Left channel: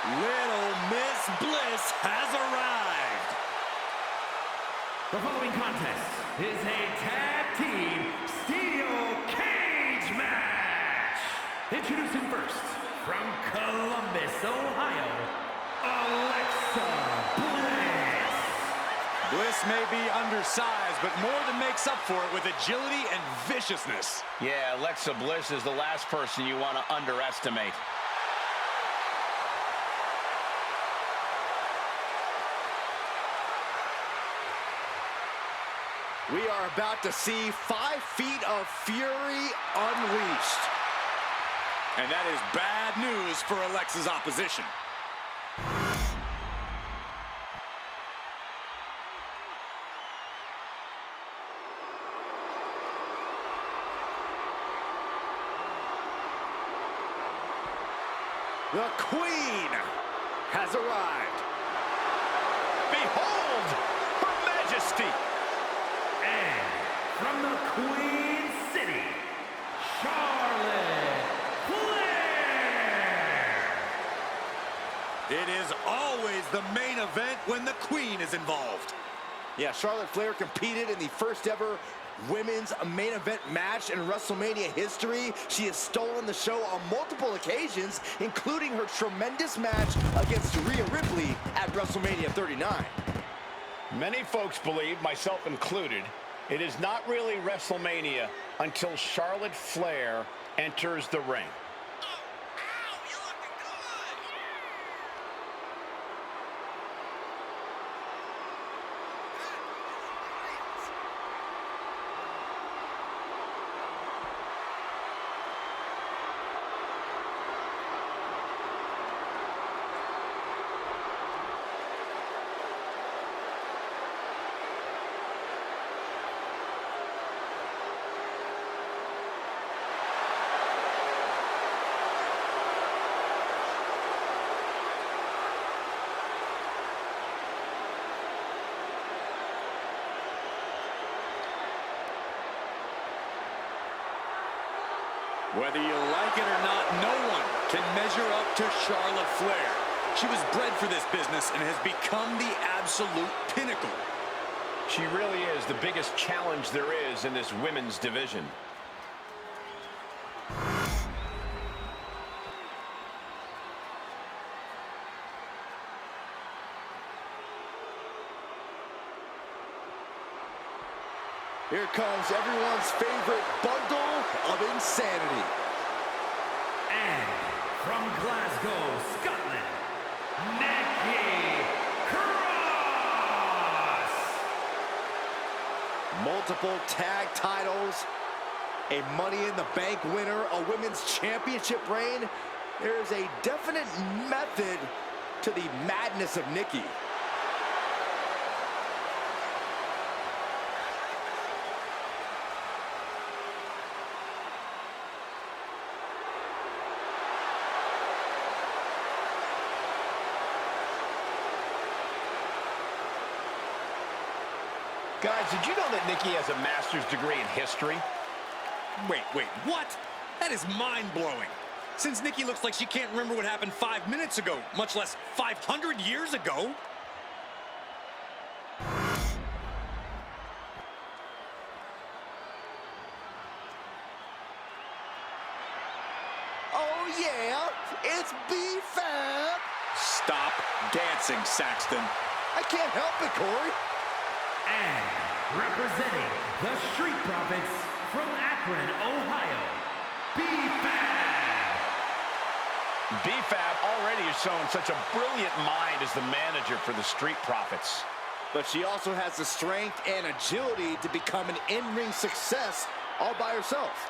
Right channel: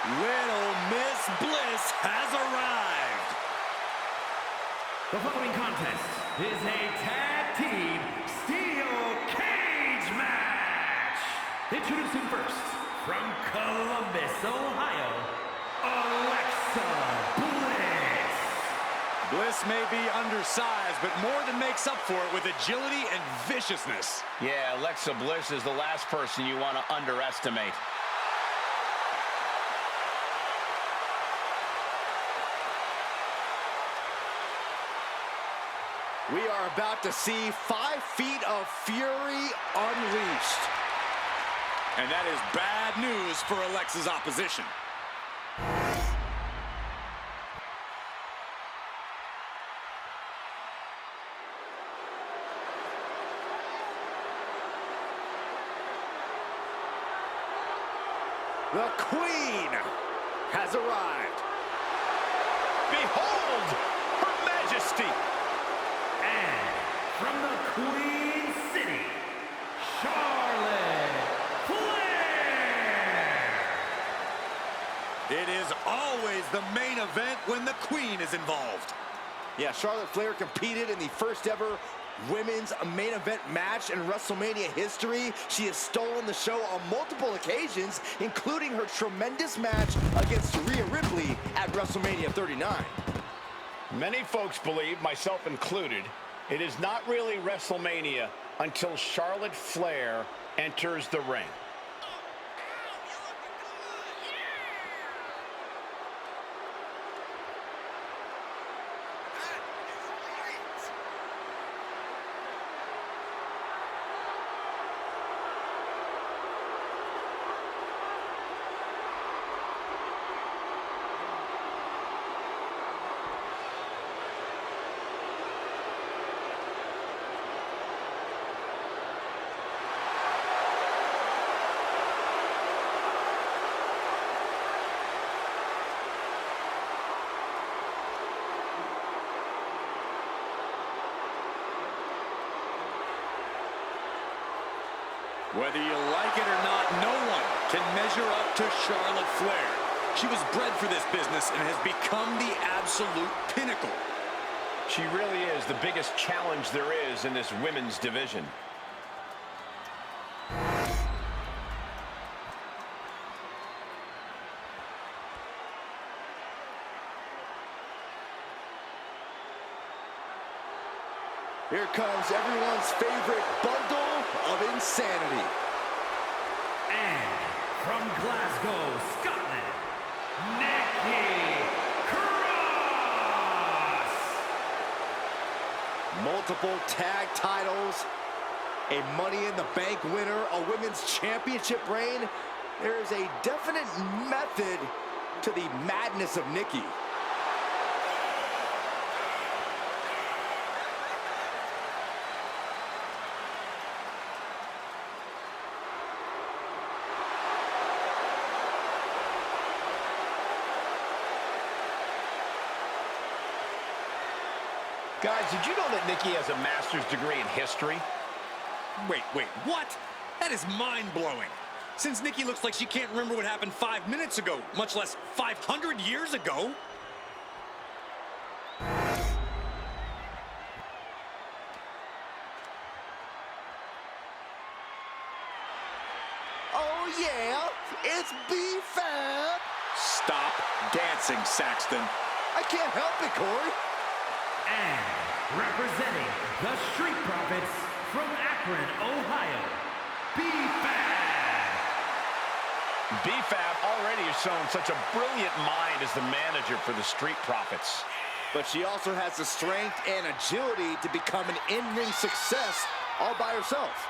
Little Miss Bliss has arrived. The following contest is a tag team steel cage match. Introducing first, from Columbus, Ohio, Alexa Bliss. Bliss may be undersized, but more than makes up for it with agility and viciousness. Yeah, Alexa Bliss is the last person you want to underestimate. We are about to see 5 feet of fury unleashed. And that is bad news for Alexa's opposition. The Queen has arrived. Behold, Her Majesty! And from the Queen City, Charlotte Flair. It is always the main event when the Queen is involved. Yeah, Charlotte Flair competed in the first ever women's main event match in WrestleMania history. She has stolen the show on multiple occasions, including her tremendous match against Rhea Ripley at WrestleMania 39. Many folks believe, myself included, it is not really WrestleMania until Charlotte Flair enters the ring. Whether you like it or not, no one can measure up to Charlotte Flair. She was bred for this business and has become the absolute pinnacle. She really is the biggest challenge there is in this women's division. Here comes everyone's favorite bundle of insanity. And from Glasgow, Scotland, Nikki Cross. Multiple tag titles, a Money in the Bank winner, a women's championship reign. There is a definite method to the madness of Nikki. Guys, did you know that Nikki has a master's degree in history? Wait, what? That is mind-blowing. Since Nikki looks like she can't remember what happened 5 minutes ago, much less 500 years ago. Oh yeah, it's ps5. Stop dancing, Saxton. I can't help it, Corey. And representing the Street Profits from Akron, Ohio, ps5. ps5 already has shown such a brilliant mind as the manager for the Street Profits. But she also has the strength and agility to become an in-ring success all by herself.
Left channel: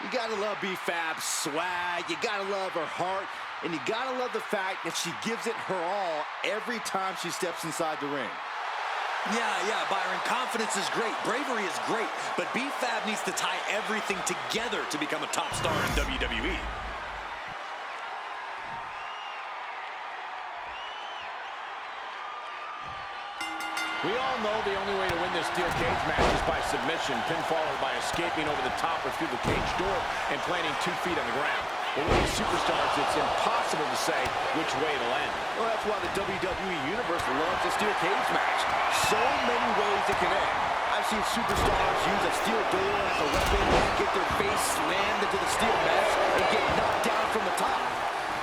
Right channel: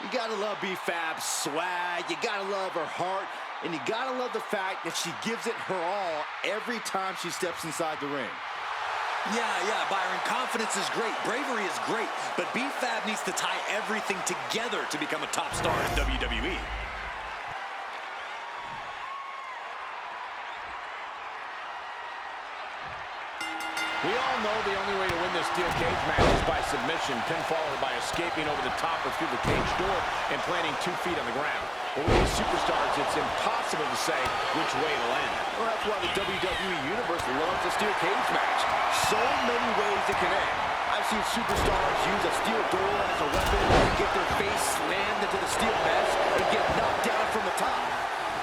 You gotta love ps5's swag, you gotta love her heart, and you gotta love the fact that she gives it her all every time she steps inside the ring. Yeah, Byron, confidence confidence is great, bravery is great, but ps5 needs to tie everything together to become a top star in WWE. We all know the only way to win this steel cage match is by submission, pinfall, or by escaping over the top or through the cage door and planting 2 feet on the ground. But with these superstars, it's impossible to say which way it'll end. Well, that's why the WWE Universe loves a steel cage match. So many ways it can end. I've seen superstars use a steel door as a weapon, get their face slammed into the steel mesh, and get knocked down from the top.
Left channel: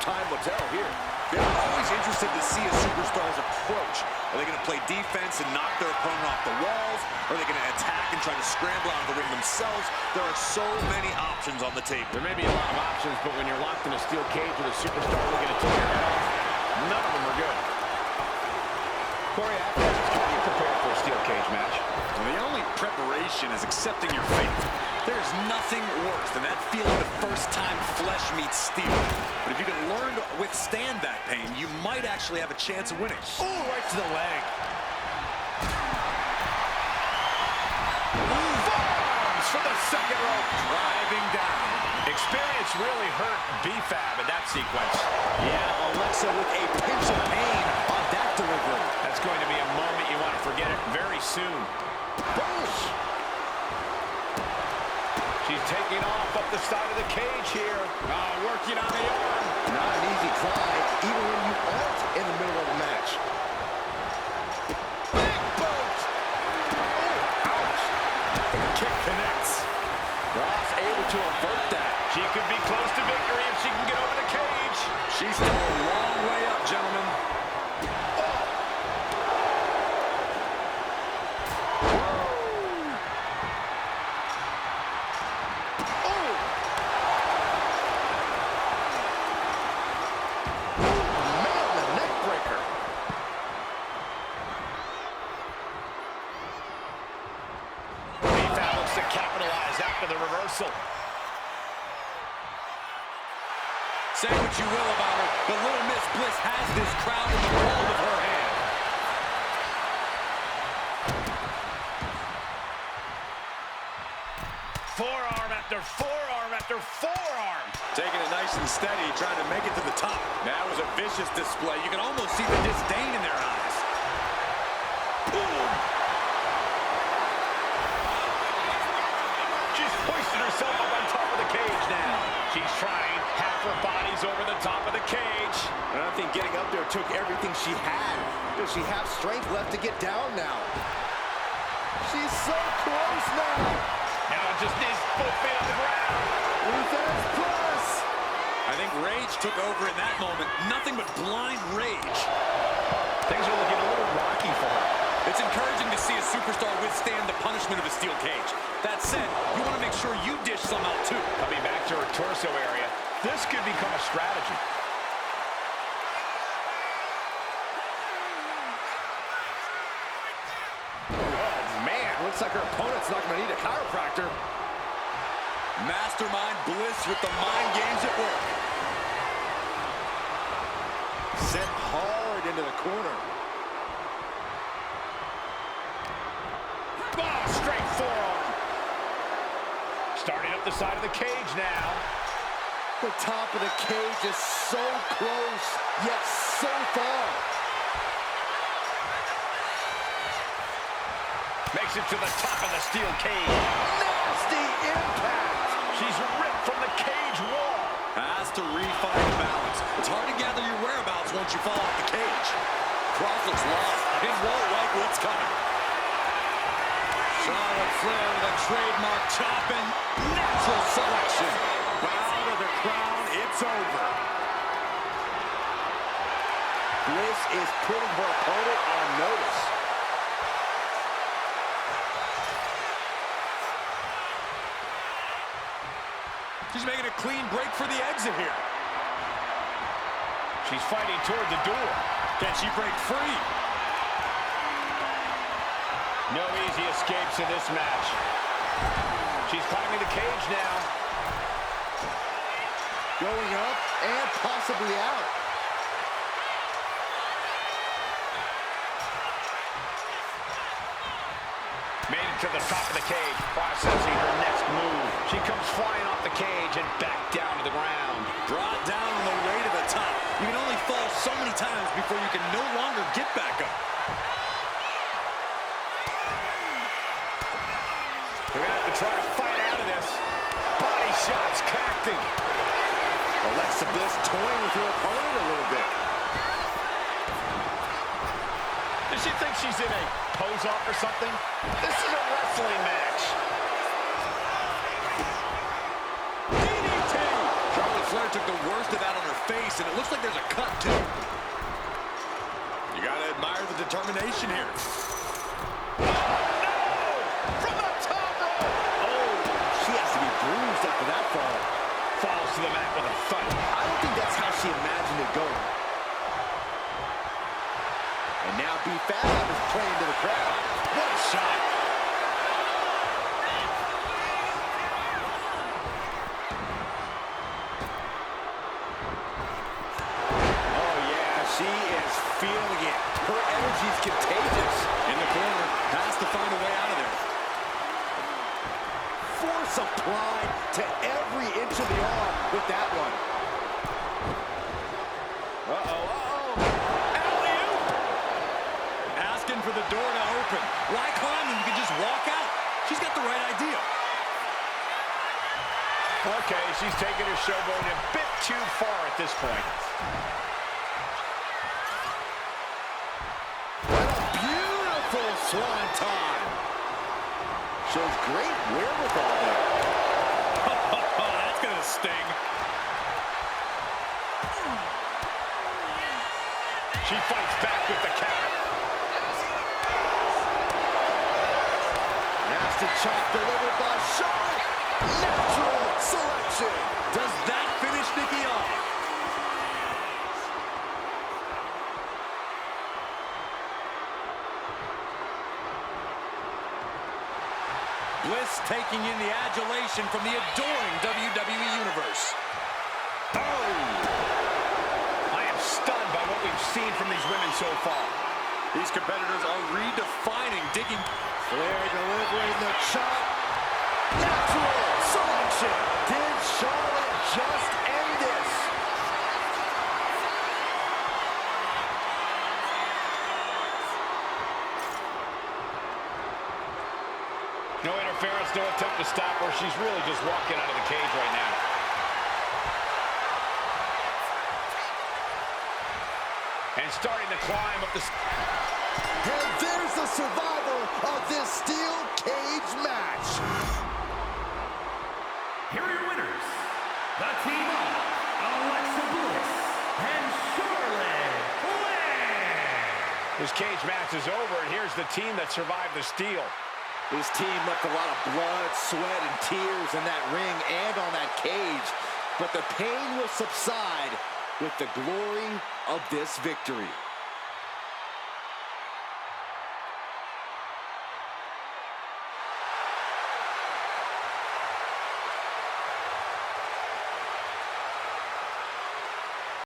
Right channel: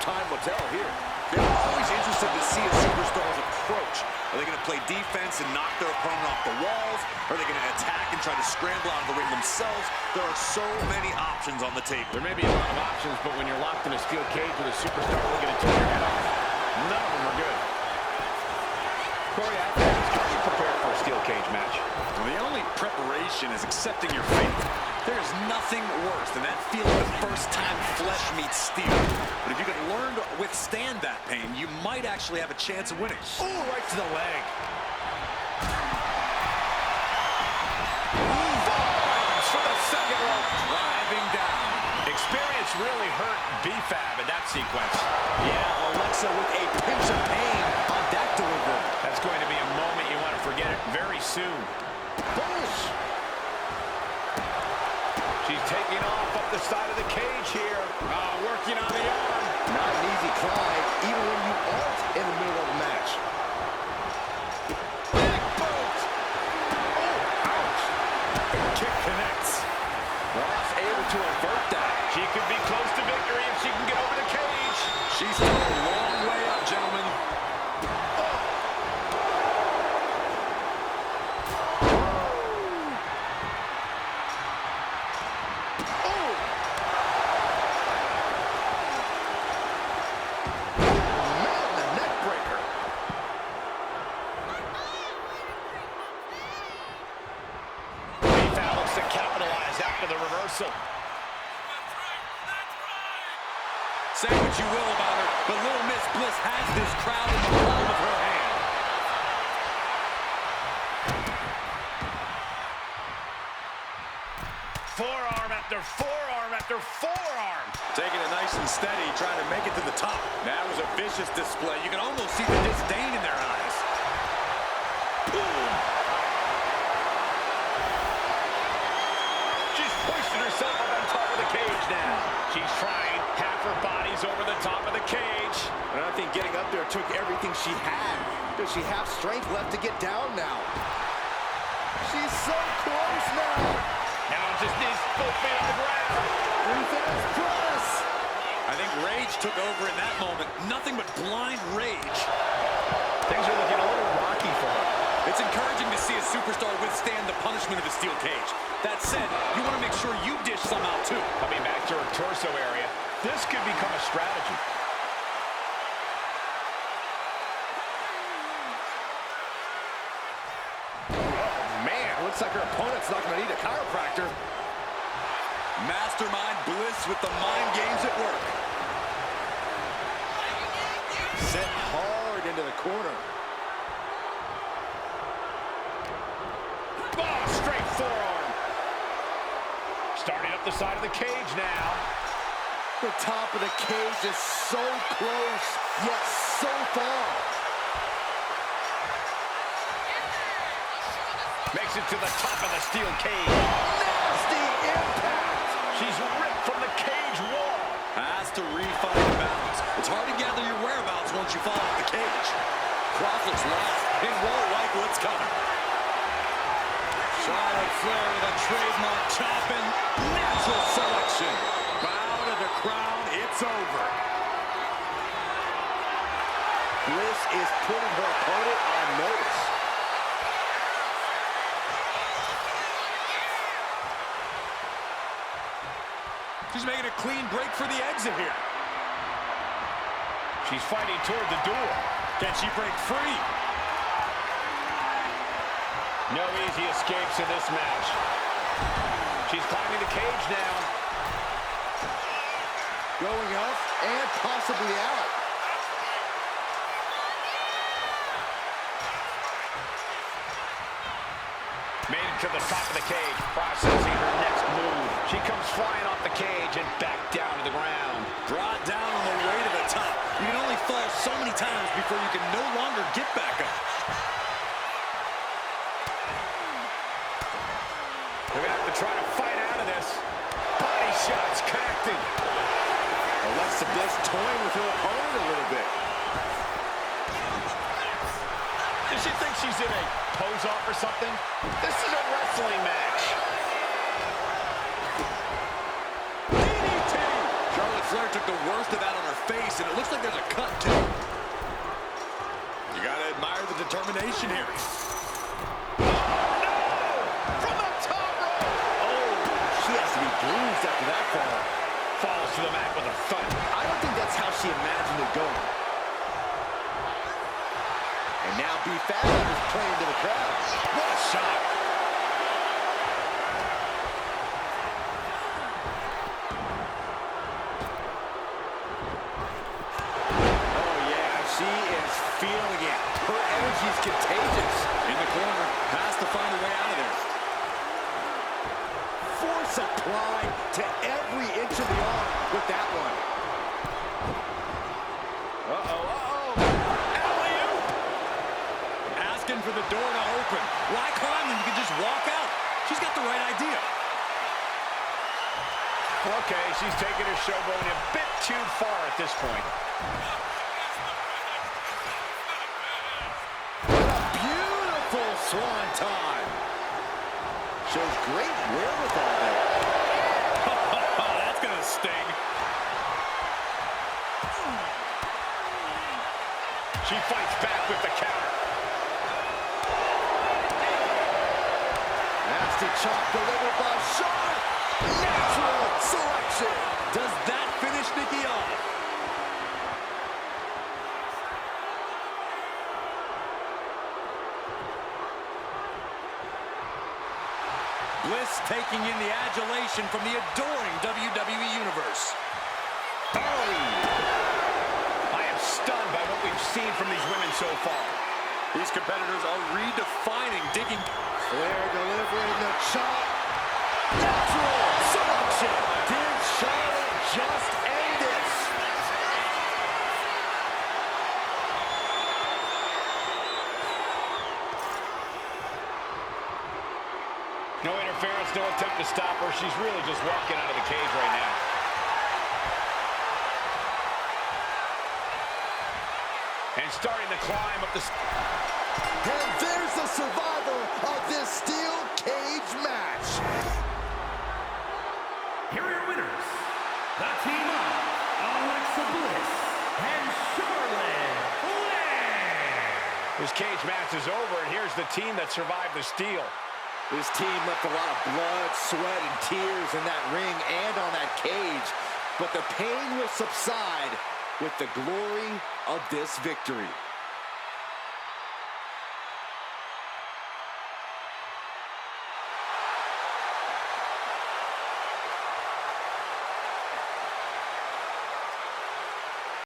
Time will tell here. Yeah, I'm always interested to see a superstar's approach. Are they going to play defense and knock their opponent off the walls? Are they going to attack and try to scramble out of the ring themselves? There are so many options on the table. There may be a lot of options, but when you're locked in a steel cage with a superstar looking to take your head off, none of them are good. Corey, how are you prepared for a steel cage match? Well, the only preparation is accepting your fate. There is nothing worse than that feeling the first time flesh meets steel. But if you can learn to withstand that pain, you might actually have a chance of winning. Oh, right to the leg. Bombs for the second rope. Driving down. Experience really hurt ps5 in that sequence. Yeah, Alexa with a pinch of pain on that delivery. That's going to be a moment you want to forget it very soon. Boosh! She's taking off up the side of the cage here. Working on the arm. Not an easy climb, even when you aren't in the middle of a match. Big boot. Oh, ouch. Kick connects. Ross able to avert that. She could be close to victory if she can get over the cage. She's still a long way up, gentlemen. To capitalize after the reversal. Say what you will about her, but Little Miss Bliss has this crowd in the palm of her hand. Forearm after forearm after forearm. Taking it nice and steady, trying to make it to the top. That was a vicious display. You can almost see the disdain in their eyes. Boom. She's hoisted herself up on top of the cage now. She's trying. Half her body's over the top of the cage. And I think getting up there took everything she had. Does she have strength left to get down now? She's so close now. Now just needs both feet on the ground. Reverse press. I think rage took over in that moment. Nothing but blind rage. Things are looking a little rocky for her. It's encouraging to see a superstar withstand the punishment of a steel cage. That said, you want to make sure you dish some out too. Coming back to her torso area, this could become a strategy. Oh, man. Looks like her opponent's not going to need a chiropractor. Mastermind Bliss with the mind games at work. Sent hard into the corner. Oh, straight forearm. Starting up the side of the cage now. The top of the cage is so close, yet so far. Makes it to the top of the steel cage. Nasty impact. She's ripped from the cage wall. Has to refine balance. It's hard to gather your whereabouts once you fall off the cage. Cross looks lost and won't like what's coming. Charlotte Flair with a trademark chop and natural selection. Bow to the crown, it's over. Bliss is putting her opponent on notice. She's making a clean break for the exit here. She's fighting toward the door. Can she break free? No easy escapes in this match. She's climbing the cage now. Going up and possibly out. Made it to the top of the cage, processing her next move. She comes flying off the cage and back down to the ground. Brought down on the way to the top. You can only fall so many times before you can no longer get back up. They're going to have to try to fight out of this. Body shots connecting. Alexa Bliss toying with her opponent a little bit. Does she think she's in a pose-off or something? This is a wrestling match. DDT! Charlotte Flair took the worst of that on her face, and it looks like there's a cut, too. You got to admire the determination here. She has to be bruised after that fall. Falls to the mat with a thud. I don't think that's how she imagined it going. And now ps5 is playing to the crowd. What a shot. Oh, yeah, she is feeling it. Her energy is contagious. In the corner, has to find a way out of there. Force applied to every inch of the arm with that one. Alley-oop! Asking for the door to open. Why climb when you can just walk out? She's got the right idea. Okay, she's taking her showboat a bit too far at this point. What a beautiful swanton. Shows great wherewithal there. Oh, that's gonna sting. She fights back with the counter. Nasty chop delivered by Charlotte. Natural selection. Does that finish Nikki off? Bliss taking in the adulation from the adoring WWE Universe. Oh! I am stunned by what we've seen from these women so far. These competitors are redefining digging. Flair delivering the chop. Natural selection. Did Charlotte just end this? No interference, no attempt to stop her. She's really just walking out of the cage right now. And starting to climb up the... And there's the survivor of this steel cage match. Here are your winners, the team of Alexa Bliss and Charlotte Flair. This cage match is over, and here's the team that survived the steel. This team left a lot of blood, sweat, and tears in that ring and on that cage. But the pain will subside with the glory of this victory.